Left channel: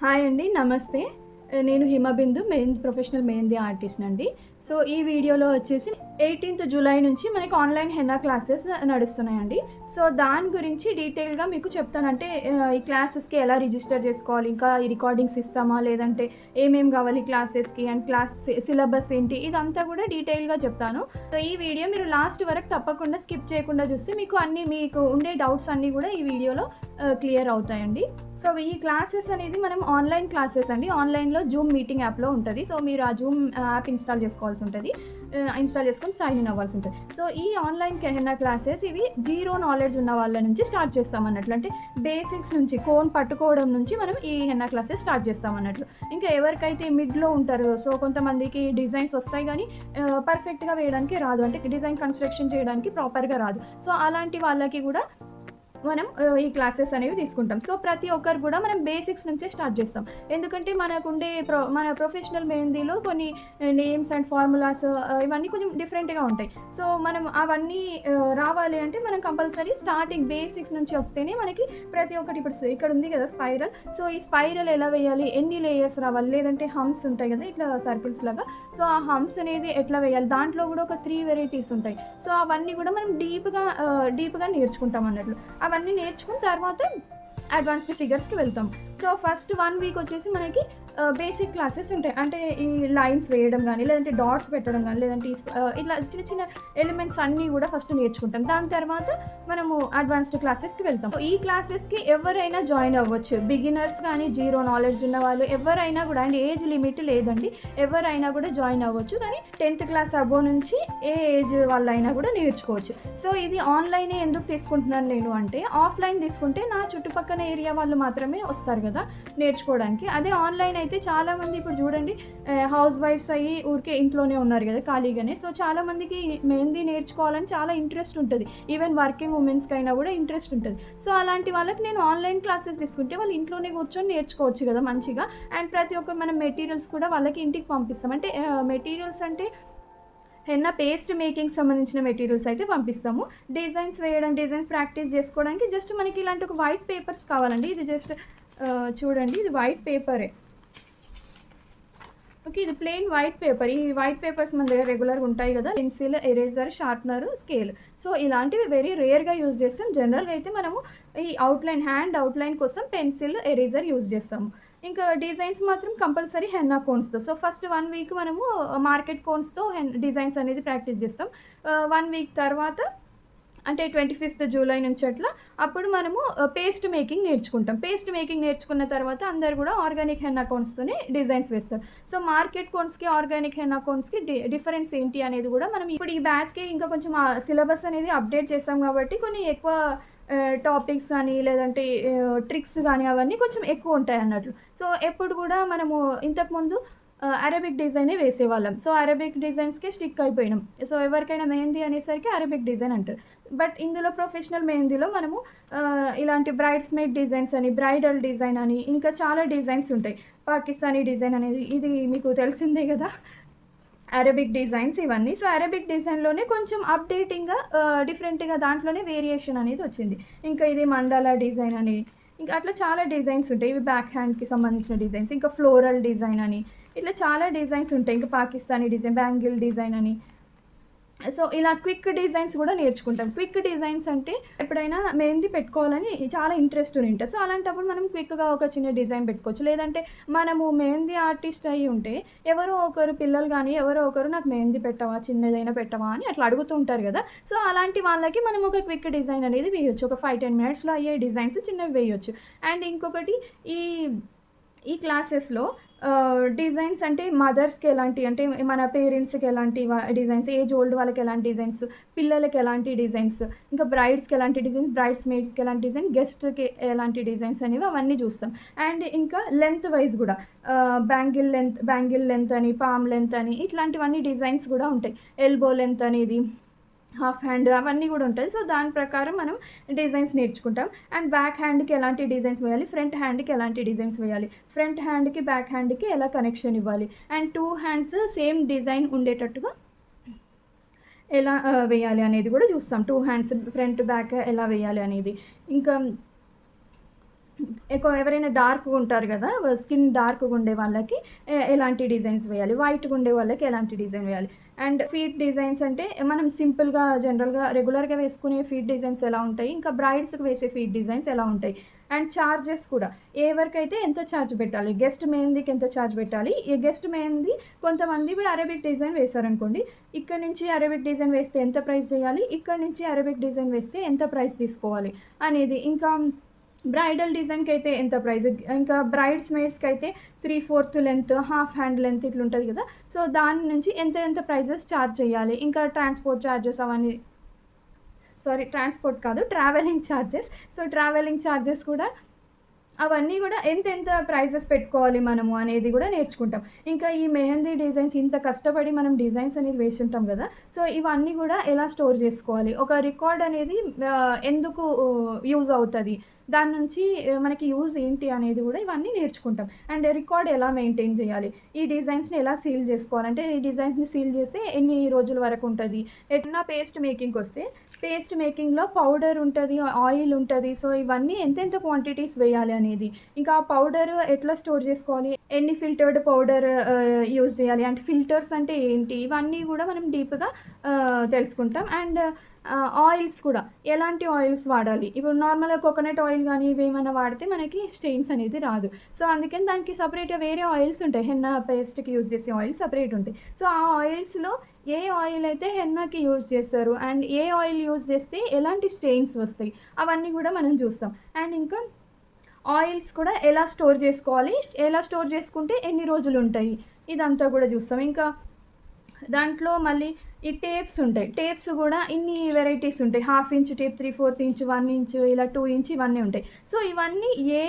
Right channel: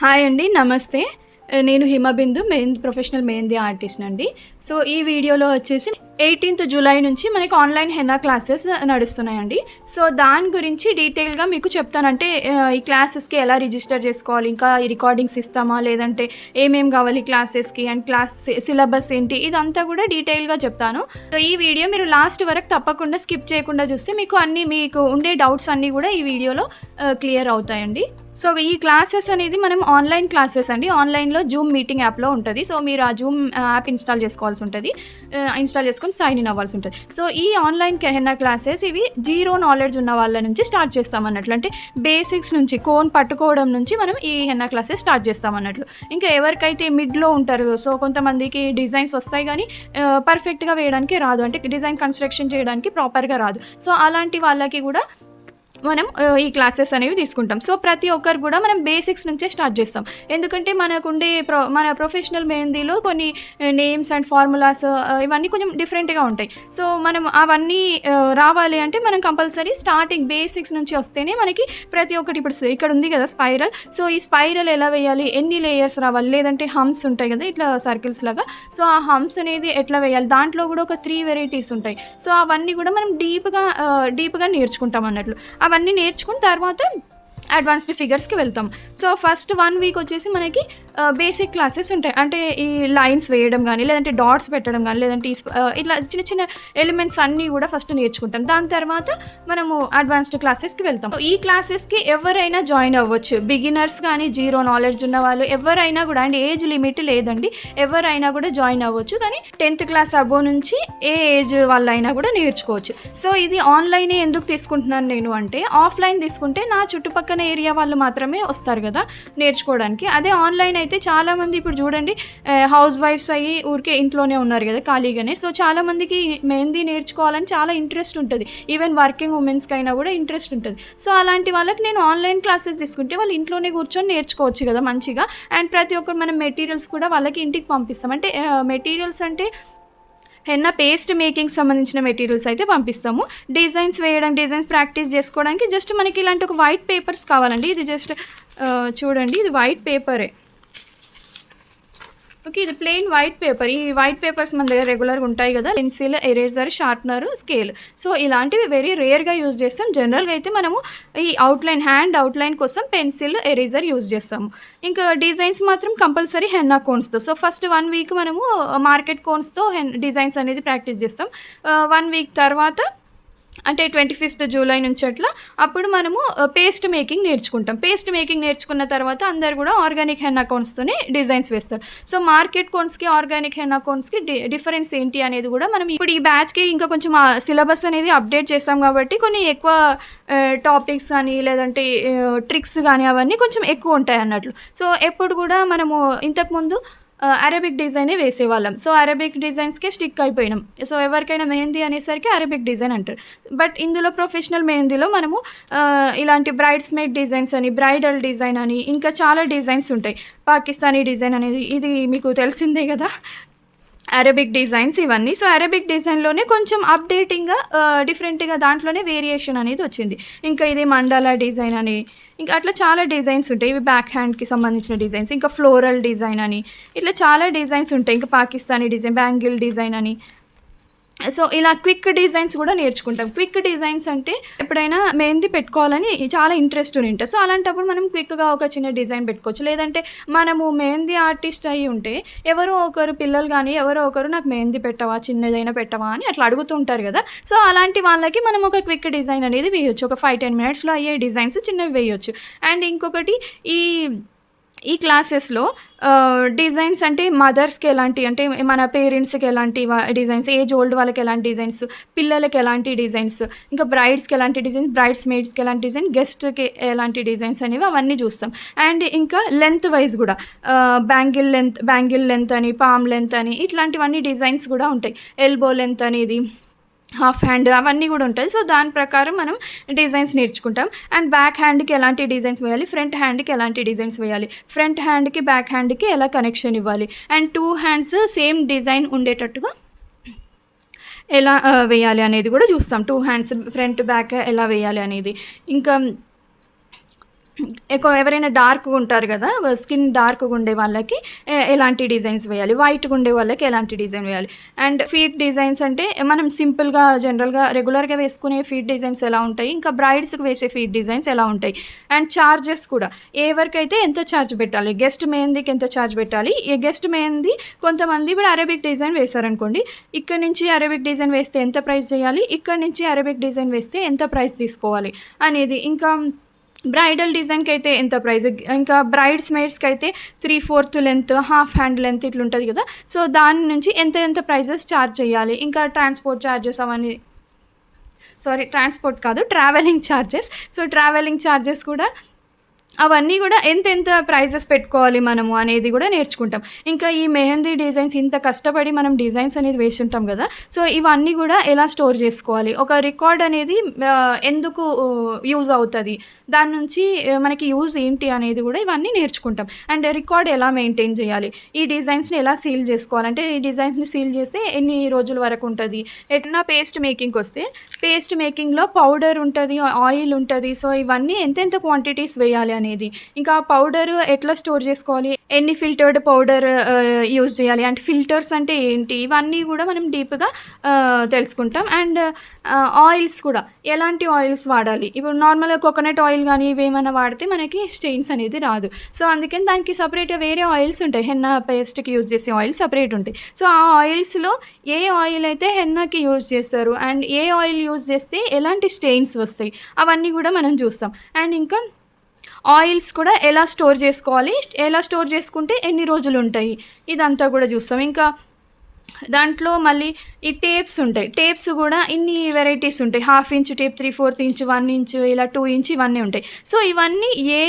Hi అండి. నమస్తే. నేను హిమబిందు ప్రొఫెషనల్ మెహందీ ఆర్టిస్ట్‌నండి. సో, ఈ వీడియోలో వచ్చేసి 18థ్ జూలై నుంచి మనకి ఆన్‌లైన్ హెన్నా క్లాసెస్ నడుస్తున్నాయండి. సో, దాని గురించి డీటెయిల్‌గా మీకు చెప్తాను. అంటే ఈ క్లాసెస్‌కి ఎలా రిజిస్టర్ చేసుకోవాలి, ఇంకా ఈ రికార్డింగ్స్ ఇస్తామా, లేదంటే ఏమేం కావాలి క్లాసెస్‌కి అండ్ క్లాస్ సిలబస్ ఏంటి, ఇదంతా కూడా డీటెయిల్‌గా చెప్తాను. సో, ఈ వీడియో మీరు లాస్ట్ వరకు తప్పకుండా స్కిప్ చేయకుండా చూస్తే మీకు ఉండే డౌట్స్ అన్నీ కూడా ఈ వీడియోలో క్లియర్ అవుతాయండి. సో, ఈ క్లాసెస్ అనేది మనం ఆన్‌లైన్ క్లాసెస్ అండి. ఆన్‌లైన్‌లో జూమ్ మీటింగ్ యాప్‌లో ఉంటది. సో, మీరు ఆ జూమ్ యాప్ ఇన్‌స్టాల్ చేసుకోవాల్సి ఉంటది. ఇన్‌స్టాల్ చేసుకొని సైన్ ఇన్ అవ్వాల్సి ఉంటది. సో, ఈ ఆన్‌లైన్ హెన్నా క్లాసెస్ ఇవి జీరో నాలెడ్జ్ ఉన్న వాళ్ళ నుంచి స్టార్ట్ చేస్తామన్నట్లు. అంటే బేసిక్స్ నుంచి కోన్ పట్టుకోవడం నుంచి మనం ఈ హెన్నా క్లాసెస్ స్టార్ట్ చేస్తామన్నట్లు. ఇంకా ఎవరికైతే మిడ్‌లో ఉంటారో, సో కొంతమందికి డిజైన్స్ వస్తాయి గానీ పర్ఫెక్ట్‌గా వేయడానికి రాదు. అంటే డిజైన్ కన్‌స్ట్రక్షన్ చేయడానికి ప్రాపర్‌గా రాదు. సో, అలాంటి వాళ్ళకి కూడా మనం ఈ క్లాసెస్ అనేవి తీసుకుంటాం. సో, ప్రతి ఒక్కరు గూడా మనం బేసిక్స్ నుంచే స్టార్ట్ జేస్తాం. ఎందుకంటే మనకుండే మన ప్రొఫెషనల్ మెహందీలో కొన్ని నేమ్స్ అండ్ ఫార్ములాస్ ఇవన్నీ కొంచెం డిఫరెంట్‌గా ఉంటాయి. సో, మనం అవన్నీ రావాలి అంటే మనం కంపల్సరీ స్టార్టింగ్ బేసిక్స్ నుంచి వస్తేనే మనకి ప్రతి ఒక్కటి ఇప్పుడు ఇక్కడ ఉంది గదా! స్పైరల్. సో, ఈ స్పైరల్ ఎలా వేయాలి? ఎన్ని లేయర్స్ రావాలి? లేదంటే హంప్స్ ఉంటాయి గదా! ఇట్లా సర్కిల్స్ లాగా. సో, ఆ హంప్స్ అనేది ఎట్లా వేయాలి? దాంట్లో గూడా ఒక 3 వెరైటీస్ ఉంటాయి. సో, అవన్నీ గూడా మనం డీప్‌గా నేర్చుకుంటాం అన్నట్లు. అవన్నీ నేర్చుకున్న తర్వాత అడ్వాన్స్డ్ ఫిగర్స్‌కి వెళ్తాం. సో, ఫస్ట్ 1 వీక్ వచ్చేసి మనకి బేసిక్ క్లాసెస్ ఉంటాయి. అంటే ఈ లైన్స్ వేయడం గానీ, లేదంటే డాట్స్ పెట్టడం గానీ, లేదంటే ఇట్లా చిన్న చిన్న ఎలిమెంట్స్ అన్నీ గూడా ఫస్ట్ నేర్చుకుంటాం. దాని తర్వాత మనము అడ్వాన్స్డ్ క్లాసెస్‌కి వెళ్తాం. ఈ క్లాసెస్‌కి ఎవరైనా జాయిన్ అవ్వచ్చు. బిగినర్స్ గానీ, జీరో నాలెడ్జ్ ఉన్నవాళ్ళు ఎవరైనా గూడా అండ్ ఏజ్ లిమిట్ లేదండి. ఎవరైనా గూడా జాయిన్ అవ్వచ్చు. కానీ 10థ్ క్లాస్ అబోవ్ నుంచి ఏ ఏజ్ వాళ్ళైనా గూడా నేర్చుకోవచ్చు. సో, ఇది ఆన్‌లైనే ఎందుకు తీసుకుంటున్నాను నేను అంటే, ఆఫ్‌లైన్ తీసుకుంటే నా చుట్టుపక్కన ఏరియా వాళ్ళు మాత్రమే వస్తారు గదా! నేర్చుకోవడానికి. అదే ఆన్‌లైన్ అయితే చాలామంది ఇప్పుడు చూడండి హౌస్ వైఫ్స్ అయ్యి ఊరికే ఇంట్లోనే ఉన్నారు గదా! ఖాళీగానే. సో, చాలామందికి మెహందీ నేర్చుకోవాలని చాలా ఇంట్రెస్ట్ ఉంటది. ఈవెన్ వర్కింగ్ ఉమెన్స్‌కైనా గూడా ఇంట్రెస్ట్ ఉంటది. సో, అలాంటి వాళ్ళకి నేను ఆన్‌లైన్ క్లాసెస్ తీసుకుంటే వాళ్ళు ఇంట్లోనే కూర్చొని నేర్చుకోవచ్చు గదా! మంచిగా. అండ్ ప్రతి ఒక్కటి మనం మెటీరియల్స్ కూడా వాళ్ళకి ఇంటికి పంపిస్తాం. అంటే మెటీరియల్స్ అంటే హెన్నా పేస్ట్ మేకింగ్‌కి సంబంధించిన మెటీరియల్స్ అయితే పంపిస్తాము. డిజైన్స్ ప్రాక్టీస్ జేసుకోవడానికి జస్ట్ మనకి ఇలాంటి ఒక వైట్ పేపర్స్ కావాలండి. ఇది జస్ట్ చూడండి, ఇది వైట్ పేపరే. ఓకే. ఇది ప్లెయిన్ వైట్ పేపర్. ఈ వైట్ పేపర్స్ మన దగ్గర రెగ్యులర్‌గా ఉంటాయి గదా! Pencil, eraser, sharpener, scale. So, ఇలాంటివి వెరీ రేర్‌గా యూజ్ చేస్తాం. జనరల్‌గా అయితే మనము ఈ హ్యాండ్ అవుట్‌లైన్ కోసం పెన్సిల్, ఎరేజర్ యూజ్ చేస్తాము. ఇంకా డిజైన్స్ మాత్రం కంపల్సరీ హెన్నా కోన్స్‌తో. సో, ఫస్ట్ 1 వీక్ మనము మార్కెట్ కోన్స్‌తో డిజైన్స్ అనేది ప్రాక్టీస్ చేస్తాం. 1 వీక్ తర్వాత అంటే 25థ్ జూలై నుంచి అట్లా అప్పుడు మనము పేస్ట్ మేకింగ్ నేర్చుకుంటాం. పేస్ట్ మేకింగ్ నేర్చుకున్న తర్వాత అందరూ గూడా ఆర్గానిక్ హెన్నా కోన్స్‌తోనే డిజైన్స్ వేస్తారు. సో, మార్కెట్ కోన్స్‌కి, ఆర్గానిక్ హెన్నా కోన్స్‌కి డిఫరెన్స్ ఏంటి అనేది గూడా మనం ఇప్పుడు ఈ బ్యాచ్‌కి ఇంకా కొంచెం సిలబస్ అనేది అప్డేట్ చేసాం గాబట్టి కొన్ని ఎక్కువ టాపిక్స్ అని లేదంటే ట్రిక్స్ గాని అవన్నీ కొంచెం ఎక్కువుంటాయన్నట్లు. సో, ఎప్పుడు గూడా మనము ఇంతకుముందు అరబిక్ డిజైనే వేసేవాళ్ళం. సో, అరబిక్ డిజైన్స్‌కే స్టిక్ అయిపోయినాం. సో, ఎవరికైనా మెహందీ అనేసరికి అరబిక్ డిజైన్ అంటారు. బట్ ఇందులో ప్రొఫెషనల్ మెహందీలో మనము ఇలాంటి బ్రైడ్స్ మేడ్ డిజైన్స్ అని, బ్రైడల్ డిజైన్ అని ఇంకా చాలా డిజైన్స్ ఉంటాయి. పాకిస్తానీ డిజైన్ అనేది ఇది మీకు తెలిసిందే గదా! అరబిక్ డిజైన్స్ ఇవన్నీ. సో, అరబిక్ డిజైన్‌లోనే కొంచెం అప్‌డేటింగ్‌గా డిఫరెంట్‌గా దాంట్లోనే వేరియేషన్ అనేది వచ్చింది. ఇంకా ఇది మండాలా డిజైన్ అని, ఇంకా అట్లా చాలా డిజైన్స్ ఉంటాయి. ఇవి బ్యాక్ హ్యాండ్‌కి సంబంధించిన డిజైన్స్. ఇంకా ఫ్లోరల్ డిజైన్ అని, ఇట్లా చాలా డిజైన్స్ ఉంటాయి. ఇంకా పాకిస్తానీ డిజైన్, బ్యాంగిల్ డిజైన్ అని. సో, ఇలా క్విక్ డిజైన్స్ గూడా నేర్చుకుంటాం. క్విక్ డిజైన్స్ అంటే ఎప్పుడైనా మెహందీ పెట్టుకోవాలని చాలా ఇంట్రెస్ట్ ఉండింటది. సో, అలాంటప్పుడు మనం క్విక్‌గా ఒక చిన్న డిజైన్ పెట్టుకోవచ్చు. లేదంటే మనము మెహందీ ఆర్టిస్ట్ అయ్యి ఉంటే ఎవరో ఒకరు పిల్లలు గానీ, ఎవరో ఒకరు నాకు మెహందీ పెట్టవా? చిన్నదైనా పెట్టవా? అని అట్లా అడుగుతూ ఉంటారు గదా! సో, అలాంటి వాళ్ళకి మనం ఒక క్విక్ డిజైన్ అనేది వేయొచ్చు. ఒక 5, 10 మినిట్స్‌లో అయ్యే డిజైన్స్ చిన్నవి వేయొచ్చు. అండ్ ఇంకొకటి ఈ ఈ క్లాసెస్‌లో డిజైన్స్ అంటే మదర్స్‌కి ఎలాంటి అంటే మన పేరెంట్స్‌కి ఎలాంటి డిజైన్స్, ఏజ్ ఓల్డ్ వాళ్ళకి ఎలాంటి డిజైన్స్, పిల్లలకి ఎలాంటి డిజైన్స్, ఇంకా బ్రైడ్స్‌కి ఎలాంటి డిజైన్స్, బ్రైడ్స్ మేడ్స్‌కి ఎలాంటి డిజైన్, గెస్ట్‌కి ఎలాంటి డిజైన్స్ అనేవి అవన్నీ చూస్తాం. అండ్ ఇంకా లెంత్ వైస్ గూడా బ్యాంగిల్ లెంత్ అని, పామ్ లెంత్ అని ఇట్లాంటివన్నీ డిజైన్స్ గూడా ఉంటాయి. ఎల్బో లెంత్ అనేది, హాఫ్ హ్యాండ్ అవన్నీ గూడా ఉంటాయి. సో, దాని ప్రకారం మనం డిజైన్స్ నేర్చుకుంటాం. అండ్ బ్యాక్ హ్యాండ్‌కి ఎలాంటి డిజైన్స్ వేయాలి, ఫ్రంట్ హ్యాండ్‌కి ఎలాంటి డిజైన్స్ వేయాలి, ఫ్రంట్ హ్యాండ్‌కి, బ్యాక్ హ్యాండ్‌కి ఎలా కనెక్షన్ ఇవ్వాలి, అండ్ 2 హ్యాండ్స్ సేమ్ డిజైన్ ఉండేటట్టుగా ఎలా వేయాలి అనేది గూడా చూస్తాం. 2 హ్యాండ్స్ ఫ్రంట్, బ్యాక్ ఎలా వేయాలి అనేది. ఇంకా ఎక్కువ ఎవరైనా డార్క్‌గా ఉంటారు గదా! స్కిన్ డార్క్‌గా ఉండే వాళ్ళకి ఎలాంటి డిజైన్స్ వేయాలి, వైట్‌గా ఉండే వాళ్ళకి ఎలాంటి డిజైన్ వేయాలి. అండ్ ఫీట్ డిజైన్స్ అంటే మనం సింపుల్‌గా జనరల్‌గా రెగ్యులర్‌గా వేసుకునే ఫీట్ డిజైన్స్ ఎలా ఉంటాయి, ఇంకా బ్రైడ్స్‌కి వేసే ఫీట్ డిజైన్స్ ఎలా ఉంటాయి. అండ్ చార్జెస్ కూడా ఎవరికైతే ఎంత ఛార్జ్ పెట్టాలి, గెస్ట్ మెహందీకి ఎంత ఛార్జ్ పెట్టాలి. ఈ గెస్ట్ మెహందీ కొంతమంది ఇప్పుడు అరబిక్ డిజైన్ వేశారనుకోండి, ఇక్కడి నుంచి అరబిక్ డిజైన్ వేస్తే ఎంత ప్రైస్ చేయాలి, ఇక్కడి నుంచి అరబిక్ డిజైన్ వేస్తే ఎంత ప్రైస్ తీసుకోవాలి అనేది. ఇంకా బ్రైడల్ డిజైన్‌కైతే ఎంత ప్రైస్, ఇంకా బ్రైడ్స్ మేడ్స్‌కైతే 3/4 లెంత్, హాఫ్ హ్యాండ్ లెంత్ ఇట్లుంటది గదా! సో, దాని నుంచి ఎంత ప్రైజెస్ చార్జ్ చేయాలి. ఇంకా ట్రాన్స్‌పోర్ట్ చార్జెస్ అవన్నీ, సారీ ట్రాన్స్‌పోర్ట్ కాదు, travelling charges. So, travelling charges కూడా అవన్నీ గూడా ఎంతెంత ప్రైజెస్ పెట్టుకోవాలి మనము అనేది గూడా నేర్చుకుంటాం. ఇంకా ఈ మెహందీ డిజైన్స్ ఇంత కష్టపడి మనం డిజైన్స్ అనేది వేసుంటాం గదా! సో, ఇవన్నీ గూడా ఎలా స్టోర్ జేసుకోవాలి, ఒక రికార్డ్ అనేది ఎందుకు యూజ్ అవుతది, దాని నుంచి మనకి యూజ్ ఏంటి అనేది గూడా ఇవన్నీ నేర్చుకుంటాం. అండ్ రికార్డ్ ఎలా మెయింటైన్ జేయాలి, ఈ డిజైన్స్‌ని ఎలా సీల్ జేసుకోవాలంటే, ఈ డిజైన్స్‌ని సీల్ జేస్తే ఎన్ని రోజుల వరకు ఉంటది. ఎట్లా పేస్ట్ మేకింగ్‌కొస్తే, పేస్ట్ మేకింగ్‌లో పౌడర్ ఉంటది, ఆయిల్ ఉంటది. సో, ఇవన్నీ ఎంతెంత క్వాంటిటీస్ వేయాలి అనేది. ఇంకా పౌడర్ ఎట్లా స్టోర్ జేసుకోవాలి, ఎన్ని ఫిల్టర్డ్ పౌడర్ యూజ్ జేయాలి, అంటే ఫిల్టర్స్ అంటే ఏంటి, ఇవన్నీ గూడా మనం డీప్‌గా తెలుసుకుంటాం. అండ్ ఆయిల్స్ కూడా ఎలాంటి ఆయిల్స్ వాడాలి. ఇప్పుడు నార్మల్‌గా కోకోనట్ ఆయిల్ గానీ ఇవేమన్నా వాడితే మనకి స్టెయిన్స్ అనేది రాదు. సో, అందుకని దానికి సెపరేట్‌గా వేరే ఆయిల్స్ ఉంటాయి. హెన్నా పేస్ట్‌కి యూజ్ చేసే ఆయిల్స్ సెపరేట్ ఉంటాయి. సో, ఆ ఆయిల్స్‌లో ఏ ఆయిల్ అయితే హెన్నాకి యూజ్ చేస్తారు, అండ్ ఏ ఆయిల్ యూజ్ చేస్తే ఎలాంటి స్టెయిన్స్ వస్తాయి, అవన్నీ గూడా మనం చూస్తాం. అండ్ ఇంకా ఆయిల్స్ కూడా ఎలా స్టోర్ చేసుకోవాలి, ఎలా స్టోర్ చేసుకుంటే ఎన్ని రోజులుంటాయి, ఇదంతా గూడా చూస్తాం. ఇంకా దాంట్లో మళ్ళీ ఈ టేప్స్ ఉంటాయి. టేప్స్ గూడా ఇన్ని వెరైటీస్ ఉంటాయి. 1/2 ఇంచ్ టేప్, 3/4 ఇంచ్, 1 ఇంచ్, ఇలా 2 ఇంచ్ ఇవన్నీ ఉంటాయి. సో, ఇవన్నీ ఏ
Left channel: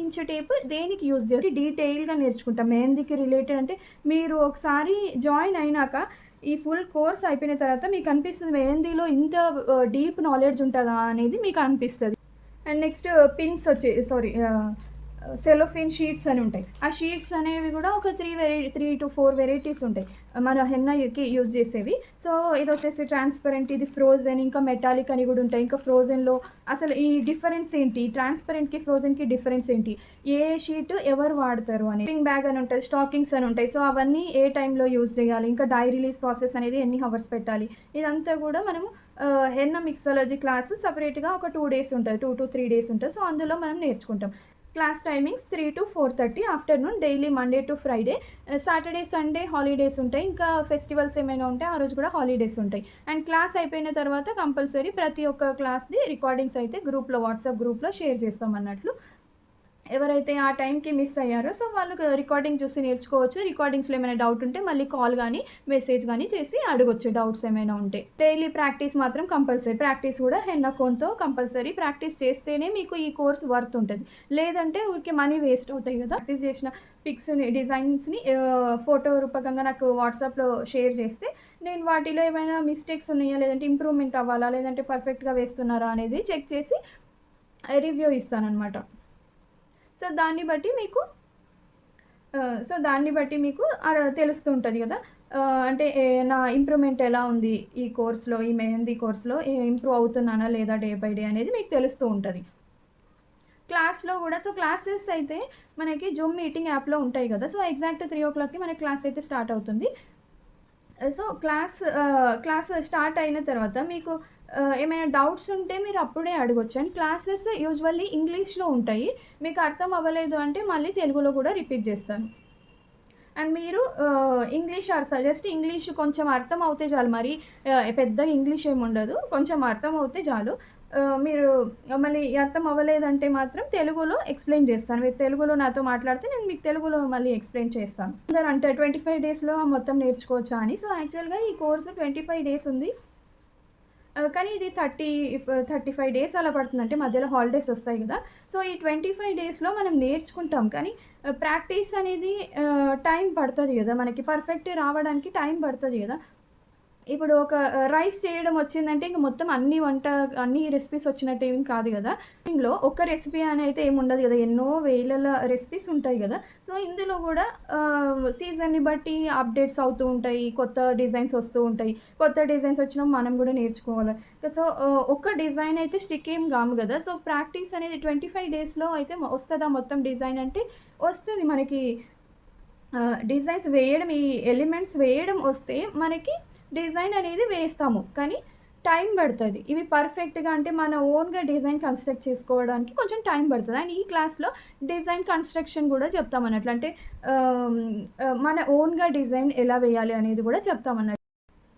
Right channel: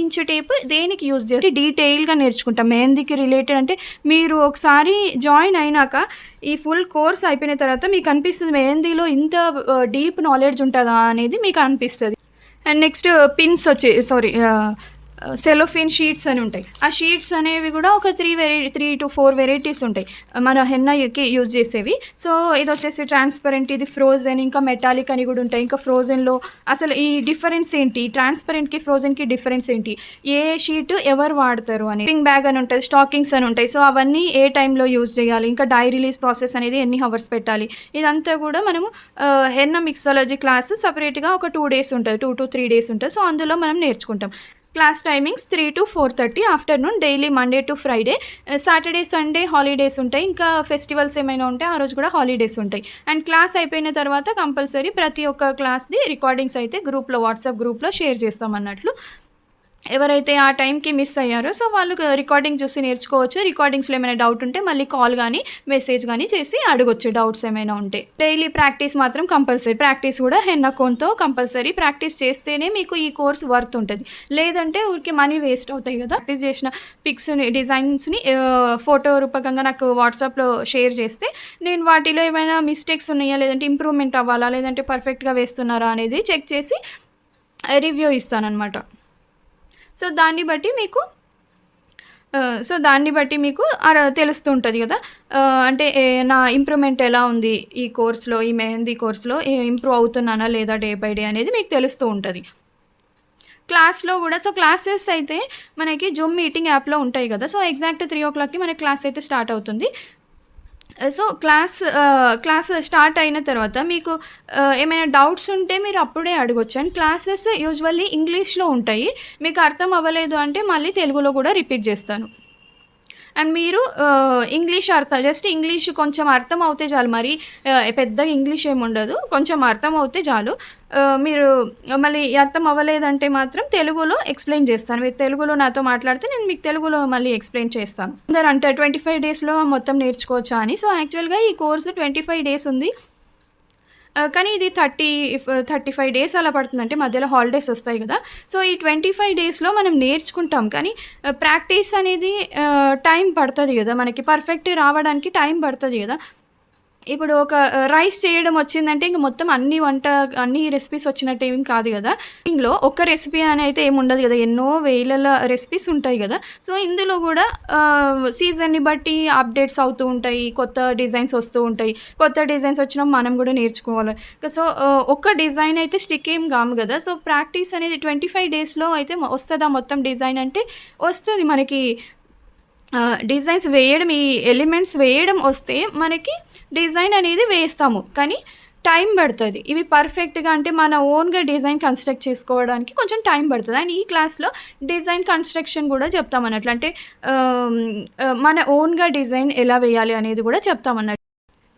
ఇంచ్ టేప్ దేనికి యూజ్ చేసి డీటెయిల్‌గా నేర్చుకుంటాం. మెహందీకి రిలేటెడ్ అంటే మీరు ఒకసారి జాయిన్ అయినాక ఈ ఫుల్ కోర్స్ అయిపోయిన తర్వాత మీకు అనిపిస్తది మెహందీలో ఇంత డీప్ నాలెడ్జ్ ఉంటదా అనేది మీకు అనిపిస్తది. And next pins sorry cellophane sheets అని ఉంటాయి. ఆ షీట్స్ అనేవి కూడా ఒక 3 to 4 వెరైటీస్ ఉంటాయి మన హెన్నాకి యూజ్ చేసేవి. సో, ఇదొచ్చేసి ట్రాన్స్పరెంట్, ఇది ఫ్రోజెన్, ఇంకా మెటాలిక్ అని కూడా ఉంటాయి. ఇంకా ఫ్రోజెన్‌లో అసలు ఈ డిఫరెన్స్ ఏంటి, ట్రాన్స్పరెంట్‌కి ఫ్రోజెన్‌కి డిఫరెన్స్ ఏంటి, ఏ షీట్ ఎవరు వాడతారు అని, పింగ్ బ్యాగ్ అని ఉంటుంది, స్టాకింగ్స్ అని ఉంటాయి. సో, అవన్నీ ఏ టైంలో యూజ్ చేయాలి, ఇంకా డై రిలీజ్ ప్రాసెస్ అనేది ఎన్ని హవర్స్ పెట్టాలి, ఇదంతా కూడా మనము హెన్నా మిక్సాలజీ క్లాస్ సెపరేట్‌గా ఒక 2 డేస్ ఉంటుంది, 2 to 3 డేస్ ఉంటుంది. సో, అందులో మనం నేర్చుకుంటాం. Class timings 3 to 4:30 afternoon, daily Monday to Friday. Saturday, Sunday holidays ఉంటాయి. ఇంకా ఫెస్టివల్స్ ఏమైనా ఉంటే ఆ రోజు కూడా హాలిడేస్ ఉంటాయి. అండ్ క్లాస్ అయిపోయిన తర్వాత కంపల్సరీ ప్రతి ఒక్క క్లాస్‌ది రికార్డింగ్స్ అయితే గ్రూప్‌లో, వాట్సాప్ గ్రూప్‌లో షేర్ చేస్తాం అన్నట్లు. ఎవరైతే ఆ టైంకి మిస్ అయ్యారో సో, వాళ్ళు రికార్డింగ్ చూసి నేర్చుకోవచ్చు. రికార్డింగ్స్‌లో ఏమైనా డౌట్ ఉంటే మళ్ళీ కాల్ గానీ, మెసేజ్ గానీ చేసి అడగొచ్చు డౌట్స్ ఏమైనా ఉంటే. డైలీ ప్రాక్టీస్ మాత్రం కంపల్సరీ. ప్రాక్టీస్ కూడా హెన్నా కోన్‌తో కంపల్సరీ ప్రాక్టీస్ చేస్తేనే మీకు ఈ కోర్స్ వర్త్ ఉంటది. లేదంటే ఊరికే మనీ వేస్ట్ అవుతాయి గదా! ప్రాక్టీస్ చేసిన పిక్స్‌ని, డిజైన్స్‌ని ఫోటో రూపకంగా నాకు వాట్సాప్‌లో షేర్ చేస్తే, నేను వాటిలో ఏమైనా మిస్టేక్స్ ఉన్నాయా, లేదంటే ఇంప్రూవ్‌మెంట్ అవ్వాలా, లేదంటే పర్ఫెక్ట్‌గా వేస్తున్నారా అనేది చెక్ చేసి రివ్యూ ఇస్తాననమాట. సో, దాన్ని బట్టి మీకు తెలుస్తూ ఉంటది గదా! అంటే నా ఇంప్రూవ్‌మెంట్ ఎలా ఉంది ఈ కోర్స్‌లో, ఈ మెహందీ కోర్స్‌లో ఇంప్రూవ్ అవుతున్నానా లేదా డే బై డే అనేది మీకు తెలుస్తూ ఉంటది. క్లాస్‌లో గూడా క్లాసెస్ అయితే మనకి జూమ్ మీటింగ్ యాప్‌లో ఉంటాయి గదా! సో, ఎగ్జాక్ట్ 3:00కి మనకి క్లాస్ అయితే స్టార్ట్ అవుతుంది. సో, క్లాస్ స్టార్ట్ అయిన తర్వాత మీకు ఏమైనా డౌట్స్ ఉంటే మీరు అప్పుడే అడగొచ్చు. అండ్ క్లాసెస్ యూజువల్లీ ఇంగ్లీష్‌లో ఉంటాయి. మీకు అర్థం అవ్వలేదు అంటే మళ్ళీ తెలుగులో గూడా రిపీట్ జేస్తాను. అండ్ మీరు జస్ట్ ఇంగ్లీష్ కొంచెం అర్థం అవుతే చాలు. మరి పెద్దగా ఇంగ్లీష్ ఏముండదు. కొంచెం అర్థం అవుతే చాలు. మీరు మళ్ళీ అర్థం అవ్వలేదంటే మాత్రం తెలుగులో ఎక్స్‌ప్లెయిన్ చేస్తాను. మీరు తెలుగులో నాతో మాట్లాడితే నేను మీకు తెలుగులో మళ్ళీ ఎక్స్‌ప్లెయిన్ చేస్తాను. అందరూ అంటారు 25 డేస్‌లో మొత్తం నేర్చుకోవచ్చా అని. సో, యాక్చువల్‌గా ఈ కోర్స్ 25 డేస్ ఉంది. కానీ ఇది 35 డేస్ అలా పడుతుంది. అంటే మధ్యలో హాలిడేస్ ఒస్తాయి గదా! సో, ఈ 25 డేస్‌లో మనం నేర్చుకుంటాం. కానీ ప్రాక్టీస్ అనేది టైం పడతది గదా! మనకి పర్ఫెక్ట్ రావడానికి టైం పడతది గదా! ఇప్పుడు ఒక రైస్ చేయడం వచ్చిందంటే ఇంక మొత్తం అన్ని రెసిపీస్ వచ్చినట్టు ఏం కాదు గదా! ఇందులో ఒక్క రెసిపీ అని అయితే ఏముండదు గదా! ఎన్నో వేలల రెసిపీస్ ఉంటాయి గదా! సో, ఇందులో గూడా సీజన్‌ని బట్టి అప్‌డేట్స్ అవుతూ ఉంటాయి. కొత్త డిజైన్స్ వస్తూ ఉంటాయి. కొత్త డిజైన్స్ వచ్చినప్పుడు మనం గూడా నేర్చుకోవాలి. సో, ఒక్క డిజైన్ అయితే స్టిక్ ఏం గాము గదా! సో, ప్రాక్టీస్ అనేది 25 డేస్‌లో అయితే వస్తదా మొత్తం డిజైన్ అంటే వస్తది మనకి. డిజైన్స్ వేయడం ఈ ఎలిమెంట్స్ వేయడం వస్తే మనకి డిజైన్ అనేది వేస్తాము. కానీ టైం పడతది. ఇవి పర్ఫెక్ట్‌గా అంటే మన ఓన్‌గా డిజైన్ కన్‌స్ట్రక్ట్ చేసుకోవడానికి కొంచెం టైం పడతది. అండ్ ఈ క్లాస్‌లో డిజైన్ కన్‌స్ట్రక్షన్ గూడా చెప్తామన్నట్లు. అంటే ఆహ్, మన ఓన్‌గా డిజైన్ ఎలా వేయాలి అనేది గూడా చెప్తామన్నట్టు.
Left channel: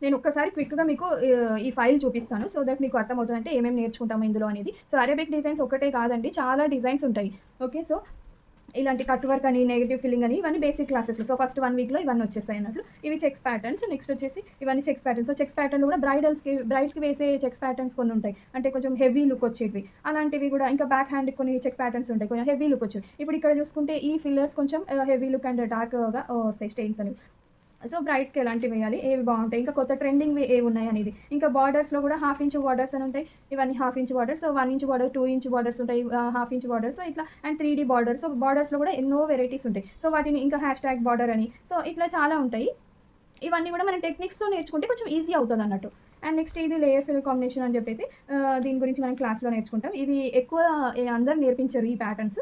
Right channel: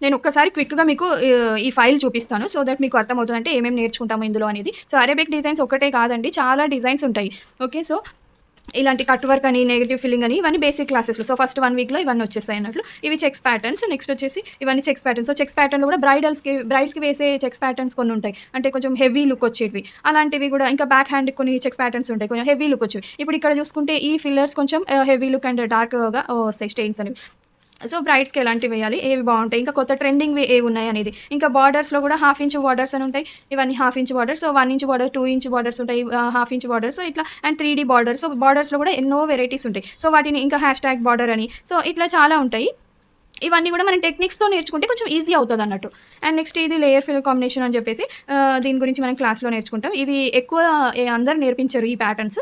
నేను ఒక్కసారి క్విక్‌గా మీకు ఈ ఫైల్ చూపిస్తాను. సో దట్ మీకు అర్థమవుతది. అంటే ఏమేమి నేర్చుకుంటాము ఇందులో అనేది. సో అరేబిక్ డిజైన్స్ ఒక్కటే కాదండి. చాలా డిజైన్స్ ఉంటాయి. ఓకే. సో ఇలాంటి కట్ వర్క్ అని, నెగెటివ్ ఫిల్లింగ్ అని ఇవన్నీ బేసిక్ క్లాసెస్‌లో. సో ఫస్ట్ 1 వీక్‌లో ఇవన్నీ వచ్చేస్తాయి అన్నట్లు. ఇవి చెక్స్ ప్యాటర్న్స్. నెక్స్ట్ వచ్చేసి ఇవన్నీ చెక్స్ ప్యాటర్న్స్. సో చెక్స్ ప్యాటర్న్‌లో కూడా బ్రైడ్స్‌కి వేసే చెక్స్ ప్యాటర్న్స్ కొన్ని ఉంటాయి. అంటే కొంచెం హెవీ లుక్ వచ్చేటివి. అలాంటివి కూడా ఇంకా బ్యాక్ హ్యాండ్‌కి కొన్ని చెక్స్ ప్యాటర్న్స్ ఉంటాయి. కొంచెం హెవీ లుక్ వచ్చేవి. ఇప్పుడు ఇక్కడ చూసుకుంటే ఈ ఫిల్లర్స్ కొంచెం హెవీ లుక్ అండ్ డార్క్‌గా వస్తాయి స్టెయిన్స్ అనేవి. సో బ్రైడ్స్‌కి ఎలాంటివి వేయాలి? ఏవి బావుంటాయి? ఇంకా కొత్త ట్రెండింగ్‌వి ఏవున్నాయి అనేది. ఇంకా బార్డర్స్‌లో కూడా హాఫ్ ఇంచ్ బార్డర్స్ అని ఉంటాయి. ఇవన్నీ half inch borders. So 1 inch border, 2 inch borders ఉంటాయి. Half inch borders. సో ఇట్లా అండ్ 3D బార్డర్స్. సో బార్డర్స్‌లో కూడా ఎన్నో వెరైటీస్ ఉంటాయి. సో వాటిని ఇంకా హ్యాష్‌ట్యాగ్ బార్డర్ అని. సో ఇట్లా చాలా ఉంటాయి. ఇవన్నీ కూడా మనం టెక్నిక్స్‌తో నేర్చుకుంటే కొంచెం ఈజీ అవుతదన్నట్టు. అండ్ నెక్స్ట్ ఇది లేయర్ ఫిల్ కాంబినేషన్ అని చెప్పేసి దీని గురించి మనం క్లాస్‌లో నేర్చుకుంటాం. ఇవి ఎక్కువ అందరూ నేర్పించరు ఈ ప్యాటర్న్స్.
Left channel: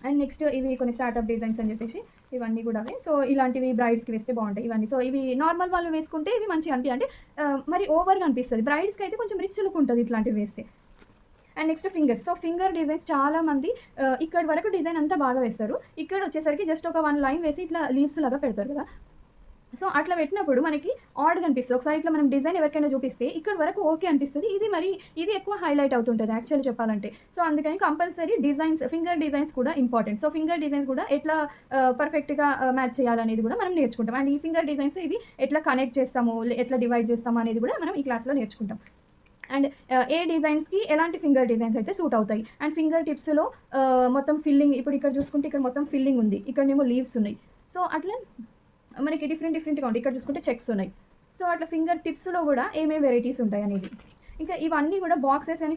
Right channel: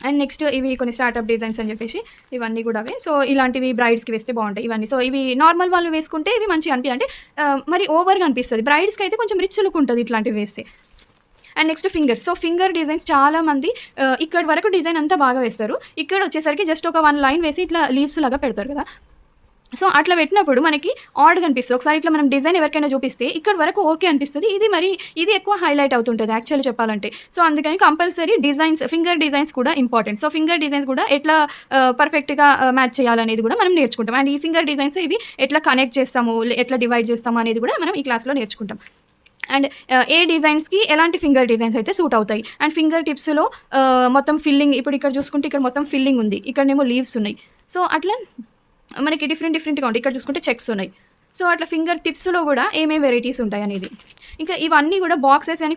అండ్ నెక్స్ట్ ఇవి కొన్ని స్టార్టప్ డిజైన్స్ అని చెప్పేసి ఇవన్నీ కూడా అవే. సో ఇలాంటివి బ్రైడ్స్‌కి వేస్తే బావుంటాయి ఇవన్నీ. సో ఇవి నార్మల్ వాళ్ళు వేసుకుంటే ఇవి మంచిగా అంటే మరి ఓవర్‌గా అనిపిస్తది. బ్రైడ్స్‌కి అయితే కొంచెం రిచ్ లుక్ ఉంటది ఇట్లాంటివి వేస్తే. And next fingers. So finger designs చాలామంది ఇక్కడి వరకు డిజైన్ అంతా బాగా వేస్తారు. ఇక్కడ వచ్చేసరికి జస్ట్ ఒక 1 లైన్ వేసి ఇట్లా లీవ్స్ లాగా పెడతారు కదా! సో అట్లా పెట్టినప్పుడు మనకి ఆడ్‌గా అనిపిస్తది. ఒకసారి ఇట్లా మనం డిజైన్ ఎవరికైనా చూపిస్తే ఇక్కడి వరకు ఓకే అనిపిస్తది. ఇది ఎక్కువ హైలైట్ అవుతుంటది యాక్చువల్లీ చెప్పాలంటే. సో అందుకని కంపల్సరీ ఫింగర్ డిజైన్స్ కూడా ఇంపార్టెంట్. సో ఫింగర్ డిజైన్స్ కూడా ఎట్లా పర్ఫెక్ట్‌గా మ్యాచ్ చేయాలనేది కూడా మనం నేర్చుకుంటాం. అండ్ ఈ ఫింగర్ డిజైన్స్ ఇవి ఎట్లా కనెక్ట్ చేస్తాము, ఎట్లా డివైడ్ చేస్తాము అనేది కూడా మనం ఈ క్లాస్‌లో నేర్చుకుంటాం. అండ్ ఏ డిజైన్స్‌కి ఎలాంటి ఫింగర్ డిజైన్స్ అయితే సూట్ అవుతాయి. అండ్ ఫింగర్ టిప్స్‌లో మొత్తం ఫిల్లింగ్ ఇప్పుడు ఇక్కడ చూసుకుంటే ఇక్కడ మొత్తం ఫిల్లింగ్ ఉంది. ఇక్కడనేమో లీవ్స్ ఉన్నాయి. సో అట్లా మనకి డిఫరెంట్‌గా ఉంటాయి. ఇక్కడ చూసుకుంటే చెక్స్ ఉన్నాయి. సో అట్లా ఫింగర్ టిప్స్‌లో గూడా ఏమేం వెరైటీస్ ఉంటాయనేది. ఇంకా ఇవన్నీ గూడా బాక్సెస్ అని